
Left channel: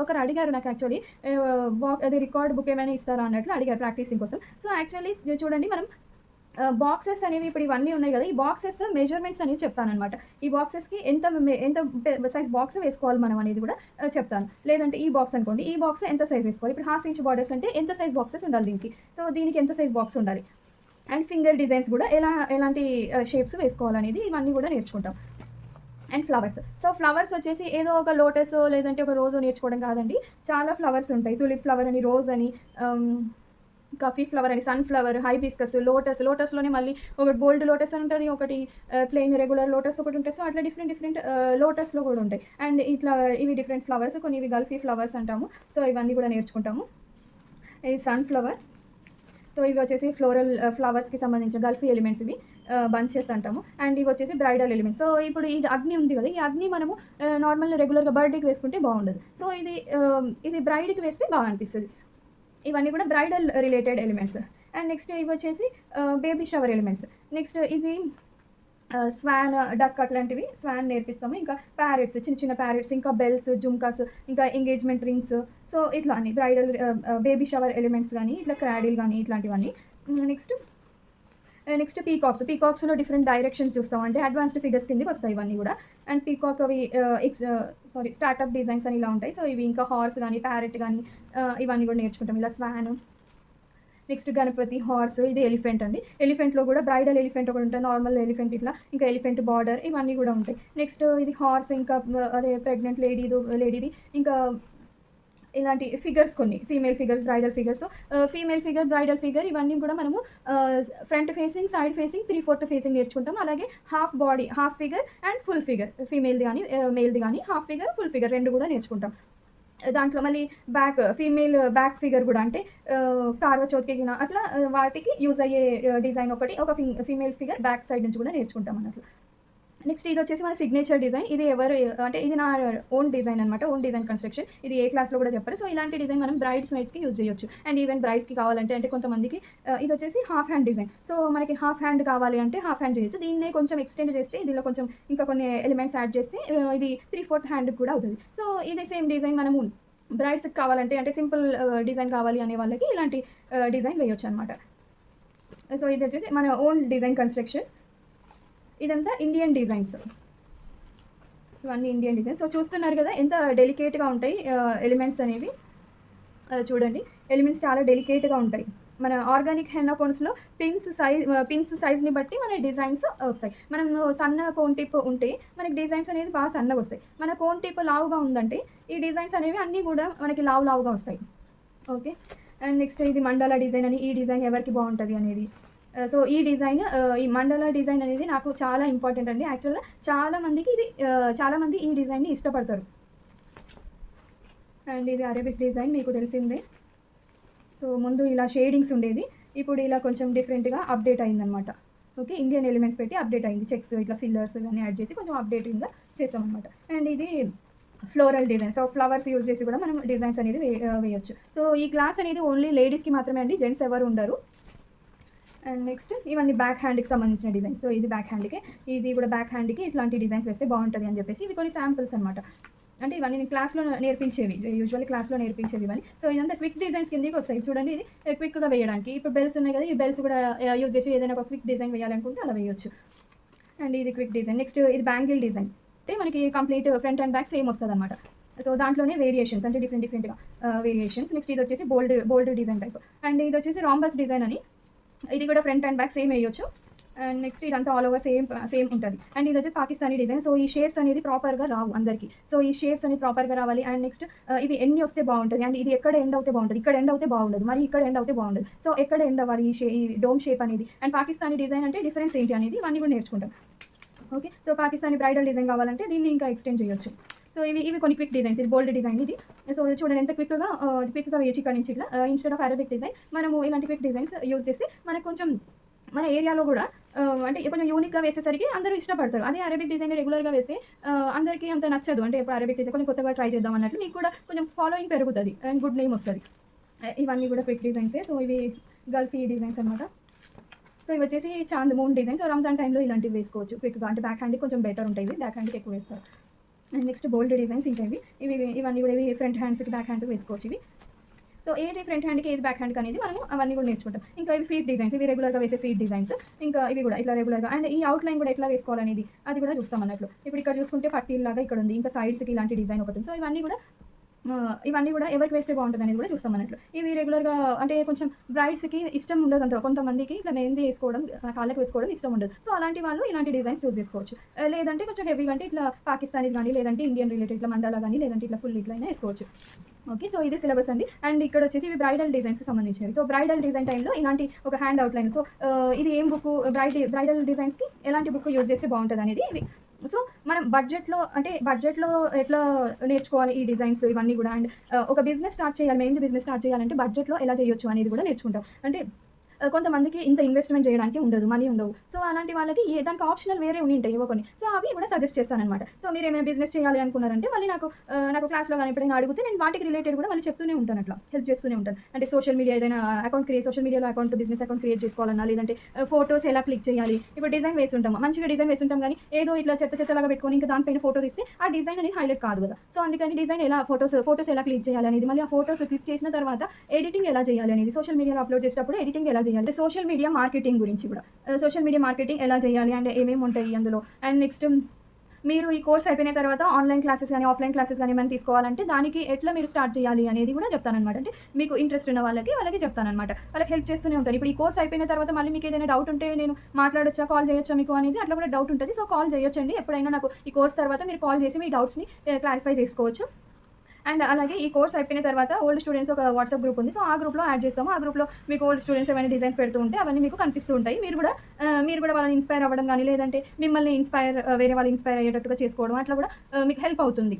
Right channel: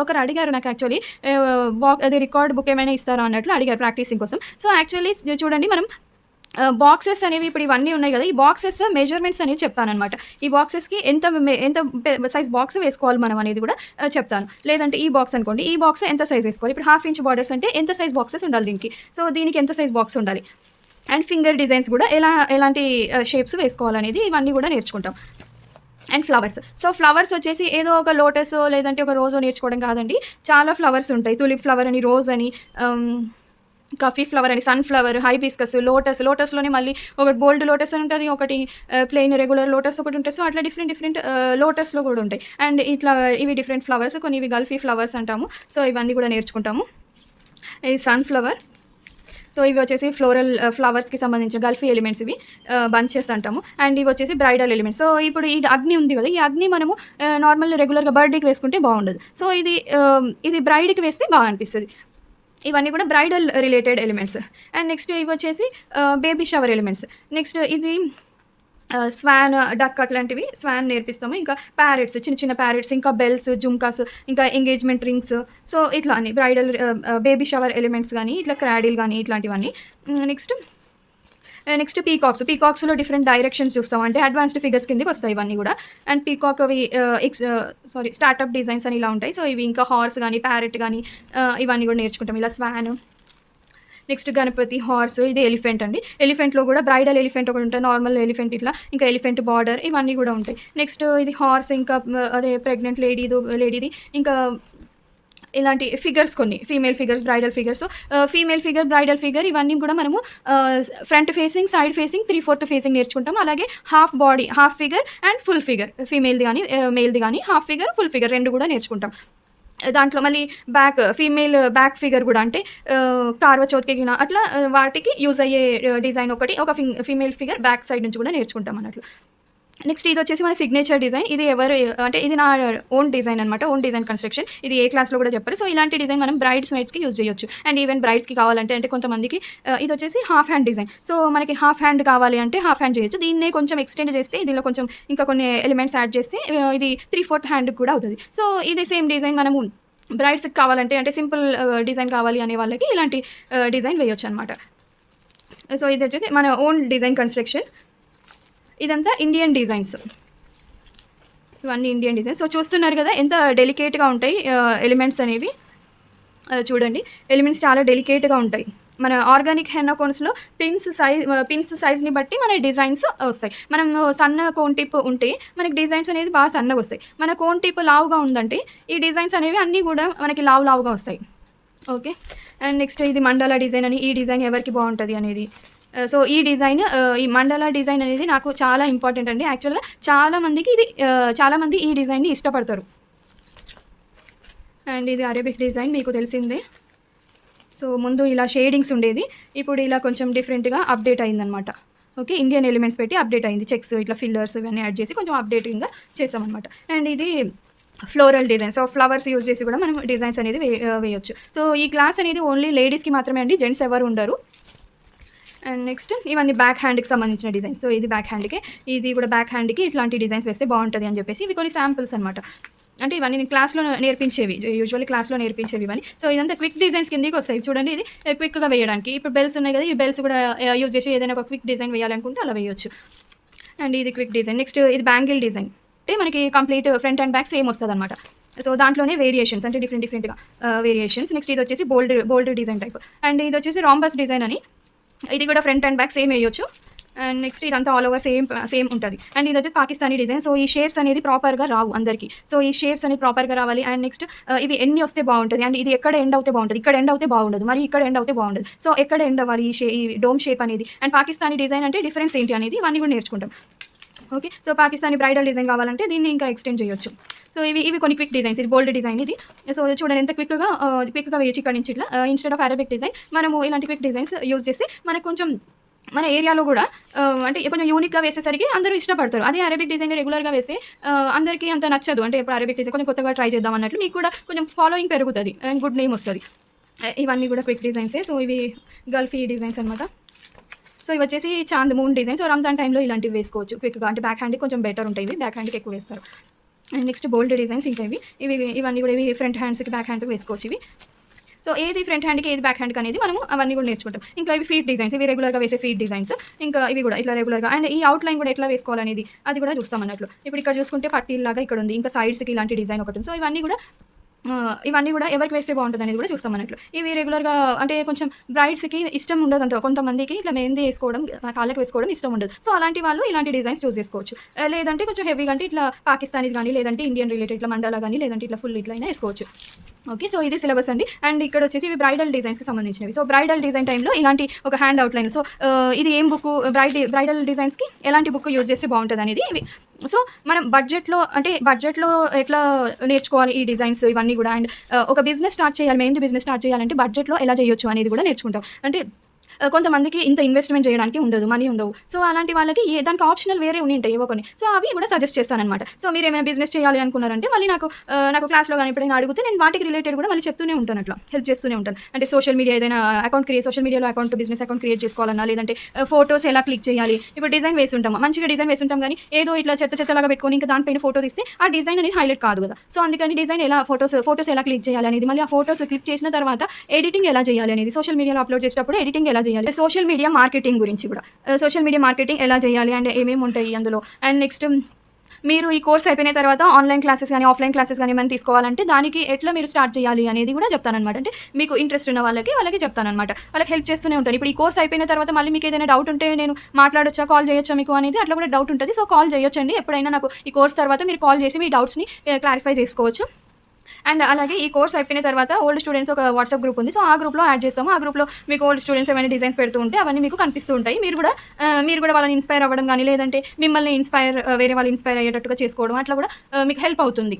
ఒకరు అడిగారు నాకు యాక్చువల్లీ అదే రికార్డ్ బుక్ ఏమైనా ఇస్తారా అన్నట్లు అడిగారు ప్రాక్టీసింగ్ కోసం. సో యాక్చువల్లీ చూడండి మనం బాక్సెస్ అనేవి ఇప్పుడు ఇవన్నీ ఉన్నాయి గదా! ఈ బాక్సెస్ మెజర్‌మెంట్స్ అనేది చెప్తాననమాట. ఈ బాక్సెస్‌కి ఎంత సైజ్ బాక్స్ వేసుకోవాలి మనం అనేది గూడా చెప్తాను. లేదంటే ఈ బాక్స్ అనుకోండి. ఈ బాక్స్ ఎంత సైజ్ వేసుకోవాలి. ఇప్పుడు హాఫ్ ఇంచ్ బార్డర్స్ అంటే ఎంత సైజ్ బాక్సెస్ ఉండాలి దీనికి. సో దీనికి ఎంత సైజ్ బాక్స్ ఉండాలి. అండ్ ఫింగర్ డిజైన్స్ కూడా ఎలాంటి షేప్స్ వేసుకోవాలనేది ఇవన్నీ కూడా నేర్చుకుంటాం. And flowers. సో ఫ్లవర్స్ వచ్చేసి ఏదో ఒక లోటసో లేదంటే ఒక రోజో నేర్చుకోవడం కాదండి. చాలా ఫ్లవర్స్ ఉంటాయి. తులిప్ ఫ్లవర్ అని, రోజ్ అని, కాఫీ ఫ్లవర్ అని, సన్ ఫ్లవర్, హైబిస్కస్, లోటస్‌లోనే మళ్ళీ ఒకటి బోల్డ్ లోటస్ అని ఉంటది. ఒకటి ప్లెయిన్ రెగ్యులర్ లోటస్ ఒకటి ఉంటది. సో అట్లా డిఫరెంట్ లోటస్‌లో కూడా ఉంటాయి. అండ్ ఇట్లా ఇవి డిఫరెంట్ ఫ్లవర్స్. కొన్ని ఇవి గల్ఫీ ఫ్లవర్స్ అంటాము. సో ఇవన్నీ కూడా నేర్చుకుంటాము. ఇది సన్ ఫ్లవర్. సో ఇవి వచ్చేసి ఫ్లవర్స్‌కి సంబంధించిన గల్ఫీ ఎలిమెంట్స్ ఇవి బంచెస్ అంటాము. అండ్ ఇవి వచ్చేసి బ్రైడల్ ఎలిమెంట్స్. సో ఇప్పుడు ఈ అగ్ని ఉంది కదా! ఈ అగ్ని మనము నార్మల్ రెగ్యులర్‌గా బర్త్‌డేకి వేసుకుంటే బాగుండదు. సో ఇది బ్రైడ్‌కి వేస్తే బాగా అనిపిస్తది. ఇవన్నీ కూడా bridal related elements. And next ఇవి వచ్చేసి బేబీ షవర్ ఎలిమెంట్స్. నెక్స్ట్ ఇది స్వాన్, డక్ అట్లాంటివి స్వాన్ నేర్పిస్తాము. ఇంకా ప్యారెట్స్, చిన్న ప్యారెట్స్, ఇంకా బెల్స్, జుంకాస్, ఇంకా ఎంగేజ్‌మెంట్ రింగ్స్. సో ఇట్లా అన్ని బ్రైడల్ బేబీ షవర్ ఎలిమెంట్స్ గానీ, ఇట్లా క్రాడిల్ గానీ ఇట్లాంటివన్నీ. నెక్స్ట్ పీకాక్స్‌లో డిఫరెంట్ డైరెక్షన్స్ చూస్తాం. అంటే అడ్వాన్స్డ్ ఫిగర్స్ కిందకి వస్తాయి ఇవన్నీ గూడా. అండ్ పీకాక్ అవి స్టార్టప్ డిజైన్స్ అని ఇలా ఉంటాయి. సో ఇవి ఇంకా హార్స్ గానీ, ప్యారెట్ గానీ ఇవన్నీ గూడా నేర్చుకుంటాం. ఇలా స్వాన్. నెక్స్ట్ గణపతి, హార్స్, ఇది ఎలిఫెంట్ అండి. ఎలిఫెంట్‌లో గూడా బ్రైడల్ ఎలిఫెంట్ ఒకటి ఉంటది. నార్మల్ ఎలిఫెంట్ ఇట్లా. ఇంకా ఎలిఫెంట్ బార్డర్ ఇవన్నీ గూడా ఉంటాయి. నెక్స్ట్ ఇది హార్స్, ఇంకా అదే ప్రెగ్నెంట్ లేడీది ఇంకా ఇలాంటి ఫిగర్స్ కొన్ని female figures, bridal figures. Female figure, bridal figure ఇవన్నీ కూడా మనము front facing, side facing, 3/4 facing నేర్చుకుంటాం. అలాగే half body, half figure and full figure. ఫీమేల్‌ది గానీ, మేల్‌ది గానీ హాఫ్ ఫిగర్, ఫుల్ ఫిగర్ 2 కూడా నేర్చుకుంటాం. దాంట్లో మళ్ళీ ఫీమేల్ బ్యాక్ ఫిగర్ గూడా అంటే కార్వ చౌత్‌కి గిన అట్లా వాటికి యూజ్ అయ్యే డిజైన్ ఒక ఫీమేల్ ఫిగర్ బ్యాక్ సైడ్ నుంచి కూడా నేర్చుకుంటాం అన్నట్లు. నెక్స్ట్ ఇది వచ్చేసి మన సిగ్నేచర్ డిజైన్. ఇది ఎవరు అంటే ఇది నా ఓన్ డిజైన్ అనమాట. Own design construction. ఇది ఏ క్లాస్‌లో కూడా చెప్పరు. సో, ఇలాంటి డిజైన్ మనం బ్రైడ్స్‌మెయిడ్స్‌కి యూజ్ చేయొచ్చు. అండ్ ఈవెన్ బ్రైడ్స్‌కి కావాలంటే అంటే కొంతమందికి ఇదొచ్చేసి హాఫ్ హ్యాండ్ డిజైన్. సో, మనకి హాఫ్ హ్యాండ్ కావాలి అంటే హాఫ్ హ్యాండ్ చేయొచ్చు. దీన్నే కొంచెం ఎక్స్‌టెండ్ చేస్తే దీనిలో కొంచెం ఇంకా కొన్ని ఎలిమెంట్స్ యాడ్ చేస్తే ఇది 3/4 హ్యాండ్‌కి కూడా అవుతది. సో, ఇది సేమ్ డిజైన్ మనము బ్రైడ్స్‌కి కావాలంటే అంటే సింపుల్ డిజైన్ కావాలి అనే వాళ్ళకి ఇలాంటి డిజైన్ వేయొచ్చనమాట. సో, ఇదొచ్చేసి మన ఓన్ డిజైన్ కన్‌స్ట్రక్షన్. ఇదంతా ఇండియన్ డిజైన్స్. ఇవన్నీ ఇండియన్ డిజైన్స్. సో, చూస్తున్నారు కదా ఎంత డెలికేట్‌గా ఉంటాయి ఎలిమెంట్స్ అనేవి. చూడండి ఎలిమెంట్స్ చాలా డెలికేట్‌గా ఉంటాయి. మన ఆర్గానిక్ హెన్నా కోన్స్‌లో పిన్స్ సైజ్‌ని బట్టి మన డిజైన్స్ వస్తాయి. మనం సన్న కోన్ టిప్ ఉంటే మనకి డిజైన్స్ అనేది బాగా సన్నగొస్తాయి. మన కోన్ టిప్ లావుగా ఉందంటే ఈ డిజైన్స్ అనేవి అన్నీ కూడా మనకి లావుగా వస్తాయి. ఓకే. అండ్ నెక్స్ట్ ఇది మండలా డిజైన్ అని. ఈ డిజైన్ ఎవరికి బాగుంటుంది అనేది. సో, ఈ డిజైన్ ఈ మండలా డిజైన్ అనేది నాకు చాలా ఇంపార్టెంట్ అండి. యాక్చువల్‌గా చాలామందికి ఇది చాలామంది ఈ డిజైన్‌ని ఇష్టపడతారు. అండ్ ఇది అరేబిక్ డిజైన్ మీకు తెలిసిందే. సో, ముందు ఇలా షేడింగ్స్ ఉండేది. ఇప్పుడు ఇలా కొంచెం డిఫరెంట్‌గా అప్డేట్ అయిందనమాట. ఓకే. ఇండియన్ ఎలిమెంట్స్ పెట్టి అప్డేట్ అయింది. చెక్స్ ఇట్లా ఫిల్లర్స్ ఇవన్నీ యాడ్ చేసి కొంచెం అప్డేటింగ్‌గా చేసామనమాట. అండ్ ఇది floral design. So, flowers use చేసి కూడా మనం డిజైన్స్ అనేది వేయొచ్చు. సో, ఈ క్లాస్ అనేది ఓన్లీ లేడీస్‌కి మాత్రమే అండి. జెంట్స్ ఎవరు ఉండరు. అండ్ నెక్స్ట్ ఇవన్నీ బ్యాక్ హ్యాండ్‌కి సంబంధించిన డిజైన్స్. సో, ఇది బ్యాక్ హ్యాండ్‌కి. ఇది కూడా బ్యాక్ హ్యాండ్‌కి ఇట్లాంటి డిజైన్స్ వేస్తే బాగుంటుంది అని చెప్పేసి ఇవి కొన్ని శాంపిల్స్ అనమాట. అంటే ఇవన్నీ నేను క్లాస్‌లో నేర్పించేవి. యూజువల్లీ క్లాస్‌లో నేర్పించేవి ఇవన్నీ. సో, ఇదంతా క్విక్ డిజైన్స్ కిందకి వస్తాయి. చూడండి ఇది క్విక్‌గా వేయడానికి. ఇప్పుడు బెల్స్ ఉన్నాయి కదా! ఈ బెల్స్ కూడా యూజ్ చేసి ఏదైనా ఒక క్విక్ డిజైన్ వేయాలనుకుంటే అలా వేయొచ్చు. అండ్ ఇది క్విక్ డిజైన్. నెక్స్ట్ ఇది బ్యాంగిల్ డిజైన్. అంటే మనకి complete front and back same వస్తదనమాట. సో, దాంట్లోనే వేరియేషన్స్ అంటే డిఫరెంట్‌గా వేరియేషన్స్. నెక్స్ట్ ఇది వచ్చేసి బోల్డ్ డిజైన్ టైప్. అండ్ ఇది వచ్చేసి రాంబస్ డిజైన్ అని. ఇది కూడా ఫ్రంట్ అండ్ బ్యాక్ సేమ్ వేయొచ్చు. అండ్ నెక్స్ట్ ఇదంతా ఆల్ ఓవర్ సేమ్ ఉంటుంది. అండ్ ఇది వచ్చి పాకిస్తానీ డిజైన్. సో, ఈ షేప్స్ అనేది ప్రాపర్‌గా రావు అందరికీ. సో, ఈ షేప్స్ అనేది ప్రాపర్‌గా రావాలి. అండ్ నెక్స్ట్ ఇవి ఎన్ని వస్తే బాగుంటుంది. అండ్ ఇది ఎక్కడ ఎండ్ అవుతే బాగుంటుంది. ఇక్కడ ఎండ్ అవుతే బాగుండదు. మరి ఇక్కడ ఎండ్ అవుతే బాగుండదు. సో, ఎక్కడ ఎండ్ అవ్వాలి ఈ డోమ్ షేప్ అనేది. అండ్ పాకిస్తానీ డిజైన్ అంటే డిఫరెన్స్ ఏంటి అనేది ఇవన్నీ కూడా నేర్చుకుంటాం. Okay. So, Pakistani bridal design కావాలంటే దీన్ని ఇంకా ఎక్స్టెండ్ చేయొచ్చు. సో, ఇవి కొన్ని క్విక్ డిజైన్స్. ఇది బోల్డ్ డిజైన్ ఇది. సో, చూడండి ఎంత క్విక్‌గా వేయొచ్చు ఇక్కడ నుంచి ఇట్లా. ఇన్‌స్టెడ్ ఆఫ్ అరబిక్ డిజైన్ మనము ఇలాంటి క్విక్ డిజైన్స్ యూజ్ చేసి మనకు కొంచెం మన ఏరియాలో కూడా అంటే కొంచెం యూనిక్‌గా వేసేసరికి అందరూ ఇష్టపడతారు. అదే అరబిక్ డిజైన్ రెగ్యులర్‌గా వేస్తే అందరికీ అంత నచ్చదు. అంటే ఇప్పుడు అరబిక్ డిజైన్ కొంచెం కొత్తగా ట్రై చేద్దాం అన్నట్లు మీకు కూడా కొంచెం ఫాలోయింగ్ పెరుగుతది. అండ్ గుడ్ నేమ్ వస్తది. ఇవన్నీ కూడా క్విక్ డిజైన్సే. సో, ఇవి గల్ఫీ డిజైన్స్ అనమాట. సో, ఇవి వచ్చేసి Chand moon design. So, Ramzan టైంలో ఇలాంటివి వేసుకోవచ్చు క్విక్‌గా. అంటే బ్యాక్ హ్యాండ్‌కి కొంచెం బెటర్ ఉంటాయి ఇవి. బ్యాక్ హ్యాండ్‌కి ఎక్కువ వేస్తారు. అండ్ నెక్స్ట్ బోల్డ్ డిజైన్స్ ఇంకా ఇవన్నీ కూడా ఫ్రంట్ హ్యాండ్స్‌కి బ్యాక్ హ్యాండ్స్‌కి వేసుకోవచ్చు ఇవి. సో, ఏది ఫ్రంట్ హ్యాండ్‌కి ఏది బ్యాక్ హ్యాండ్‌కి అనేది మనము అవన్నీ కూడా నేర్చుకుంటాం. ఇంకా ఇవి ఫీట్ డిజైన్స్. ఇవి రెగ్యులర్‌గా వేసే ఫీట్ డిజైన్స్. ఇంకా ఇవి కూడా ఇట్లా రెగ్యులర్‌గా అండ్ ఈ అవుట్‌లైన్ కూడా ఎట్లా వేసుకోవాలనేది అది కూడా చూస్తాం అన్నట్లు. ఇప్పుడు ఇక్కడ చూసుకుంటే పట్టీల్లాగా ఇక్కడ ఉంది. ఇంకా సైడ్స్‌కి ఇలాంటి డిజైన్ ఒకటి ఉంది. సో, ఇవన్నీ కూడా ఎవరికి వేస్తే బాగుంటుంది అనేది కూడా చూస్తాం అన్నట్లు. ఇవి రెగ్యులర్‌గా అంటే కొంచెం బ్రైడ్స్‌కి ఇష్టం ఉండదు అంత. కొంతమందికి ఇట్లా మెహందీ వేసుకోవడం కాళ్ళకి వేసుకోవడం ఇష్టం ఉండదు. సో, అలాంటి వాళ్ళు ఇలాంటి డిజైన్స్ చూస్ చేసుకోవచ్చు. లేదంటే కొంచెం హెవీగా అంటే ఇట్లా పాకిస్తానీస్ కానీ లేదంటే ఇండియన్ రిలేటెడ్ ఇట్లా మండలా కానీ లేదంటే ఇట్లా ఫుల్ ఇట్లా అయినా వేసుకోవచ్చు. ఓకే. సో, ఇది సిలబస్ అండి. అండ్ ఇక్కడ వచ్చేసి ఇవి బ్రైడల్ డిజైన్స్‌కి సంబంధించినవి. సో, బ్రైడల్ డిజైన్ టైంలో ఇలాంటి ఒక హ్యాండ్ అవుట్‌లైన్. సో, ఇది ఏం బుక్ బ్రైడల్ డిజైన్స్‌కి ఎలాంటి బుక్ యూజ్ చేస్తే బాగుంటుంది అనేది ఇవి. సో, మనం బడ్జెట్‌లో ఎట్లా నేర్చుకోవాలి ఈ డిజైన్స్ ఇవన్నీ కూడా. అండ్ ఒక బిజినెస్ స్టార్ట్ చేయాలి. మెహందీ బిజినెస్ స్టార్ట్ చేయాలంటే బడ్జెట్‌లో ఎలా చేయొచ్చు అనేది కూడా నేర్చుకుంటాం. అంటే కొంతమందికి ఇంత ఇన్వెస్ట్‌మెంట్ చేయడానికి ఉండదు. మనీ ఉండవు. సో, అలాంటి వాళ్ళకి దానికి ఆప్షనల్ వేరే ఉంటాయి ఏవో కొన్ని. సో, అవి కూడా సజెస్ట్ చేస్తాననమాట. సో, మీరేమైనా బిజినెస్ చేయాలి అనుకున్నారంటే మళ్ళీ నాకు క్లాస్‌లో గాని ఎప్పుడైనా అడిగితే నేను వాటికి రిలేటెడ్ కూడా మళ్ళీ చెప్తూనే ఉంటాను అట్లా. హెల్ప్ చేస్తూనే ఉంటాను. అంటే సోషల్ మీడియా ఏదైనా సోషల్ మీడియాలో బిజినెస్ అకౌంట్ క్రియేట్ చేసుకోవాలన్నా లేదంటే ఫోటోస్ ఎలా క్లిక్ చేయాలి. ఇప్పుడు డిజైన్ వేసుంటాం. మంచిగా డిజైన్ వేసుంటాం కానీ ఏదో ఇట్లా చెత్తలాగా పెట్టుకొని ఇంకా దానిపైన ఫోటో తీస్తే ఆ డిజైన్ అనేది హైలైట్ కాదు కదా. సో, అందుకని డిజైన్ ఎలా ఫోటోస్ ఎలా క్లిక్ చేయాలి అనేది మళ్ళీ ఆ ఫోటోస్ క్లిక్ చేసిన తర్వాత ఎడిటింగ్ ఎలా చేయాలి అనేది సోషల్ మీడియాలో అప్లోడ్ చేసేటప్పుడు ఎడిటింగ్ ఎలా చేయాలి. సోషల్ మీడియా మార్కెటింగ్ గురించి కూడా సోషల్ మీడియా మార్కెటింగ్ ఎలా చేయాలి అండ్ ఏమేమి ఉంటాయి అందులో. అండ్ నెక్స్ట్ మీరు ఈ కోర్స్ అయిపోయిన తర్వాత ఆన్లైన్ క్లాసెస్ కానీ ఆఫ్లైన్ క్లాసెస్ కానీ ఏమైనా తీసుకోవాలంటే దానికి ఎట్లా మీరు స్టార్ట్ చేయాలి అనేది కూడా చెప్తానమాట. అంటే మీకు ఇంట్రెస్ట్ ఉన్న వాళ్ళకి చెప్తానమాట. వాళ్ళకి హెల్ప్ చేస్తూనే ఉంటాను. ఇప్పుడు ఈ కోర్స్ అయిపోయిన తర్వాత మళ్ళీ మీకు ఏదైనా డౌట్ ఉంటే నేను మాట్లాడొచ్చా, కాల్ చేయొచ్చా మీకు అనేది అట్లా కూడా డౌట్ ఉంటుంది. సో, కాల్ చేయొచ్చండి. ఎప్పుడైనా నాకు ఈ కోర్స్ తర్వాత మీరు కాల్ చేసి మీ డౌట్స్ని క్లారిఫై చేసుకోవచ్చు. అండ్ అలాగే ఈ కోర్స్ అయిపోయిన తర్వాత ఓల్డ్ స్టూడెంట్స్ ఒక వాట్సాప్ గ్రూప్ ఉంది. సో, ఆ గ్రూప్లో యాడ్ చేస్తాము. ఆ గ్రూప్లో మీకు ఓల్డ్ స్టూడెంట్స్ ఏమైనా డిజైన్స్ పెడుతూ ఉంటే అవన్నీ మీకు కనిపిస్తూ ఉంటాయి. మీరు కూడా వాళ్ళని ఇన్స్పైర్ అవ్వడం కానీ లేదంటే మిమ్మల్ని వేరే వాళ్ళు ఇన్స్పైర్ అయ్యేటట్టుగా చేసుకోవడం అట్లా కూడా మీకు హెల్ప్ అవుతుంది.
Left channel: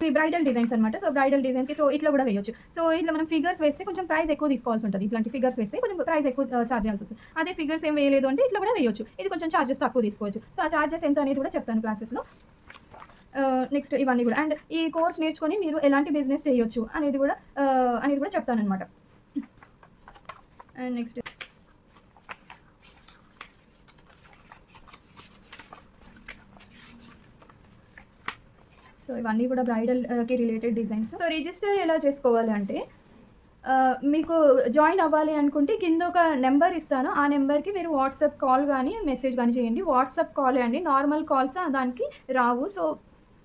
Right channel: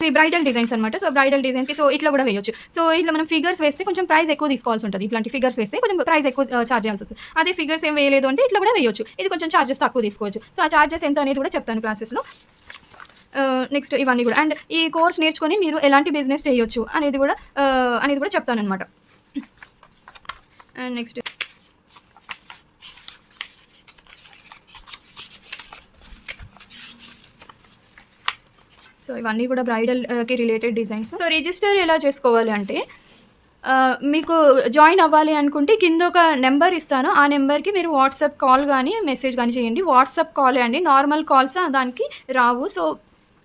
ఈ బ్రైడల్ డిజైన్స్ అనమాట. సో బ్రైడల్ డిజైన్స్‌కి సో ఇట్లా కూడా వేయొచ్చు. సో ఇట్లా మనం ఫిగర్స్ వేస్తే కొంచెం ప్రైస్ ఎక్కువ తీసుకోవాల్సి ఉంటుంది. ఇట్లాంటి ఫిగర్స్ వేస్తే కొంచెం ప్రైస్ ఎక్కువ చార్జ్ చేయాల్సి వస్తుంది. అదే ఫిగర్స్ ఏం వేయలేదు అంటే ఇట్లా కూడా వేయొచ్చు. ఇది కొంచెం చార్జెస్ తక్కువ తీసుకోవచ్చు. సో ఆ చార్జెస్ ఎంత అనేది కూడా చెప్తాను క్లాసెస్‌లో. నెక్స్ట్ ఇవన్నీ కూడా అండ్ ఈ కోర్స్ నేర్చుకొని మీరు ఎలాంటి బిజినెస్ చేయొచ్చు అనేది కూడా చెప్తాననమాట. అండ్ నెక్స్ట్ సో ఇవన్నీ కూడా బ్రైడల్‌కి రిలేటెడ్ డిజైన్స్. సో రిజిస్టర్ ఎలా చేసుకోవాలి అంటే మీకు జాయిన్ అవ్వాలి అనుకుంటే కింద ఒక నెంబర్ ఇస్తాను. ఆ నెంబర్‌కి మీరు వాట్సాప్ కాల్ గానీ, మెసేజ్ గానీ చేయండి. వాట్సాప్ కాలే అండి. నార్మల్ కాల్స్ దానికి రావు. సో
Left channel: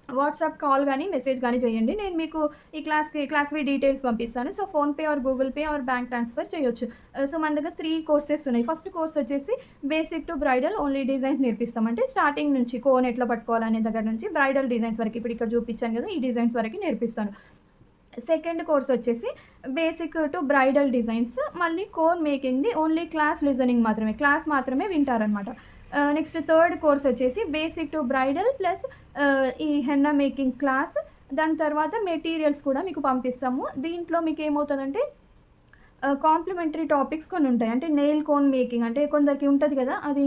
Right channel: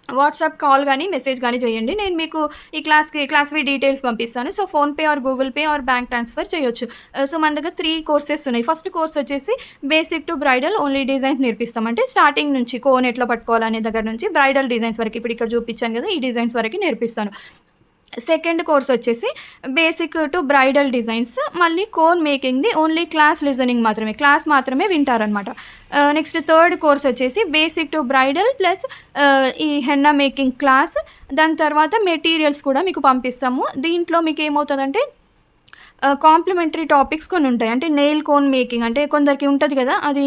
వాట్సాప్ కాల్ గానీ, మెసేజ్ గానీ చేయండి. నేను మీకు ఈ క్లాస్‌వి డీటెయిల్స్ పంపిస్తాను. So PhonePe or Google pay or bank transfer చేయొచ్చు. సో మన దగ్గర 3 కోర్సెస్ ఉన్నాయి. ఫస్ట్ కోర్స్ వచ్చేసి basic to bridal only designs నేర్పిస్తాం. అంటే స్టార్టింగ్ నుంచి కోన్ ఎట్లా పట్టుకోవాలనే దగ్గర నుంచి బ్రైడల్ డిజైన్స్ వరకు ఇప్పుడు ఇక్కడ చూపించాను కదా! ఈ డిజైన్స్ వరకు నేర్పిస్తాను. సెకండ్ కోర్స్ వచ్చేసి బేసిక్ టు బ్రైడల్ డిజైన్స్, మళ్ళీ కోన్ మేకింగ్‌ది ఓన్లీ క్లాస్ లిజనింగ్ మాత్రమే. క్లాస్ మాత్రమే వింటారనమాట. నెక్స్ట్ థర్డ్ కోర్స్ వచ్చేసి బేసిక్ టు బ్రైడల్ ప్లస్ ఈ హెన్నా మేకింగ్ క్లాస్. దాని తర్వాత మెటీరియల్స్ కూడా మీకు పంపిస్తాము. దీంట్లో మీకు ఏమవుతుందంటే కాంప్లిమెంటరీ టాపిక్స్ కొన్ని ఉంటాయి. అంటే నెయిల్ కోన్ మేకింగ్ అంటే కొందరికి ఉంటది కదా! అది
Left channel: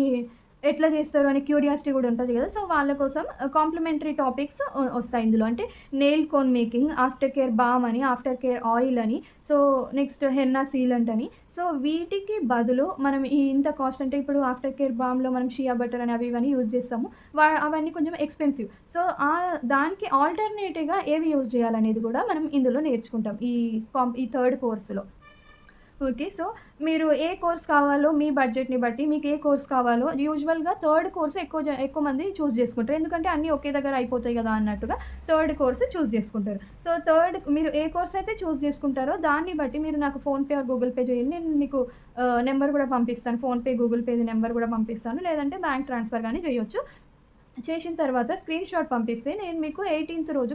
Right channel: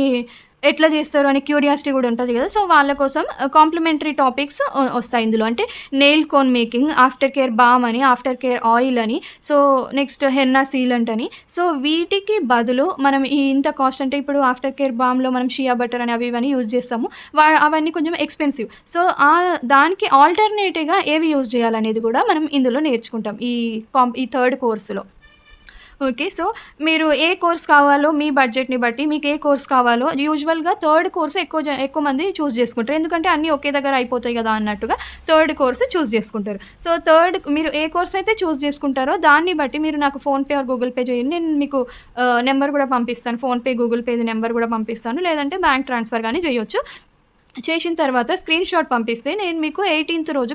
ఎట్లా చేస్తారు అనే క్యూరియాసిటీ కూడా ఉంటది కదా! సో వాళ్ళ కోసం కాంప్లిమెంటరీ టాపిక్స్ వస్తాయి ఇందులో. అంటే nail cone making, after care balm అని, ఆఫ్టర్ కేర్ ఆయిల్ అని, సో నెక్స్ట్ హెన్నా సీలంట్ అని. సో వీటికి బదులు మనం ఈ ఇంత కాస్ట్ అంటే ఇప్పుడు ఆఫ్టర్ కేర్ బామ్‌లో మనం షియా బటర్ అని అవి ఇవన్నీ యూజ్ చేస్తాము. అవన్నీ కొంచెం ఎక్స్‌పెన్సివ్. సో దానికి ఆల్టర్‌నేటివ్‌గా ఏవి యూజ్ చేయాలనేది కూడా మనం ఇందులో నేర్చుకుంటాం ఈ థర్డ్ కోర్స్‌లో. ఓకే. సో మీరు ఏ కోర్స్ కావాలో మీ బడ్జెట్‌ని బట్టి మీకు ఏ కోర్స్ కావాలో యూజువల్‌గా థర్డ్ కోర్స్ ఎక్కువ మంది చూజ్ చేసుకుంటారు. ఎందుకంటే అన్నీ ఒకే దగ్గర అయిపోతాయి కదా అన్నట్టుగా థర్డ్ కోర్స్ చూజ్ చేసుకుంటారు. సో మీరు ఏ కోర్స్ అయితే చూజ్ చేసుకుంటారో దాన్ని బట్టి మీరు నాకు ఫోన్‌పే ఆర్ గూగుల్ పే చేయండి. నేను మీకు నెంబర్ కూడా పంపిస్తాను. ఫోన్‌పే, గూగుల్ పేది నెంబర్ కూడా పంపిస్తాను. లేదంటే బ్యాంక్ ట్రాన్స్‌ఫర్ గానీ చేయొచ్చు. చేసిన తర్వాత స్క్రీన్‌షాట్ పంపిస్తే నేను మీకు 18థ్ రోజు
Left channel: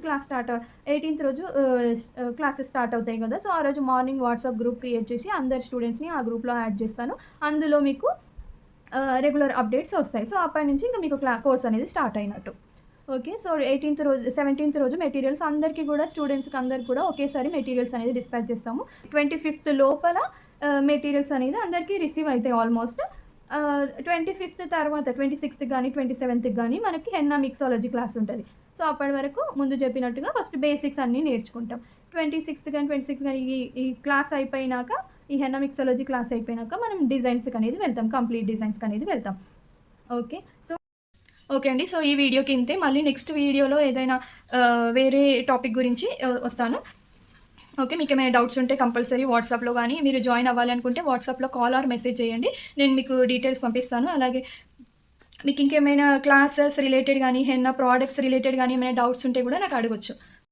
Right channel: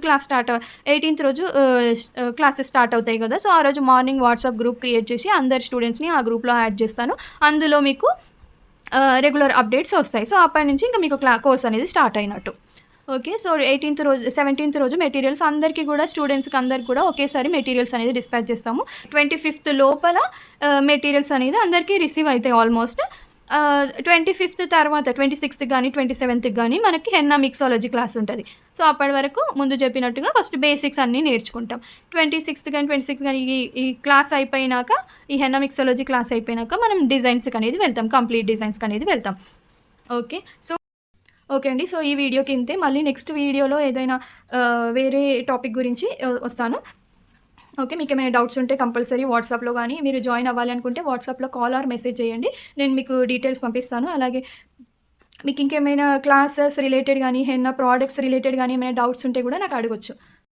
క్లాసెస్ స్టార్ట్ అవుతాయి కదా! సో ఆ రోజు మార్నింగ్ వాట్సాప్ గ్రూప్ క్రియేట్ చేసి అందరి స్టూడెంట్స్‌ని ఆ గ్రూప్‌లో యాడ్ చేస్తాను. అందులో మీకు రెగ్యులర్ అప్డేట్స్ వస్తాయి. సో అప్పటి నుంచి ఇంకా మీకు కోర్స్ అనేది స్టార్ట్ అయినట్టు. ఓకే. సో 17థ్ రోజు మెటీరియల్స్ అందరికీ కూడా స్టూడెంట్స్‌కి అందరికి కూడా ఒకేసారి మెటీరియల్స్ అనేది డిస్పాచ్ చేస్తాము. 25థ్ లోపల మెటీరియల్స్ అనేది అందరికీ రిసీవ్ అయితాయి ఆల్మోస్ట్. 25థ్ తర్వాత 26థ్ గానీ, 27థ్‌కి గానీ మనకి హెన్నా మిక్సాలజీ క్లాస్ ఉంటది. సో అప్పటి వరకు ముందు చెప్పినట్టుగా ఫస్ట్ బేసిక్స్ అన్నీ నేర్చుకుంటాం. 26థ్ గానీ ఈ క్లాస్ అయిపోయినాక, ఈ హెన్నా మిక్సాలజీ క్లాస్ అయిపోయినాక మనం డిజైన్స్‌కి అనేది వెళ్తాం. కంప్లీట్ డిజైన్స్‌కి అనేది వెళ్తాం. ఓకే. సో ఓకే అండి. సో ఈ వీడియోకి ఇంతే. మళ్ళీ నెక్స్ట్ వీడియోలో ఏదైనా వేరే టాపిక్ గురించి వస్తాను. ఓకే. మీకేమైనా డౌట్స్ ఉంటే కంపల్సరీ వాట్సాప్‌లో గానీ, మీరు జాయిన్ అవ్వాలి అనుకుంటే వాట్సాప్‌లో కాల్ ఆర్ మెసేజ్ చేయండి. నేను మీకు డీటెయిల్స్ పంపిస్తాను. అలాగే మీకు ఇంకేమైనా క్లాసెస్ రిలేటెడ్ గానీ, హెన్నా ప్రొడక్ట్స్ రిలేటెడ్ గానీ ఏమైనా డౌట్స్ ఉంటే కూడా నాకు అడగొచ్చు.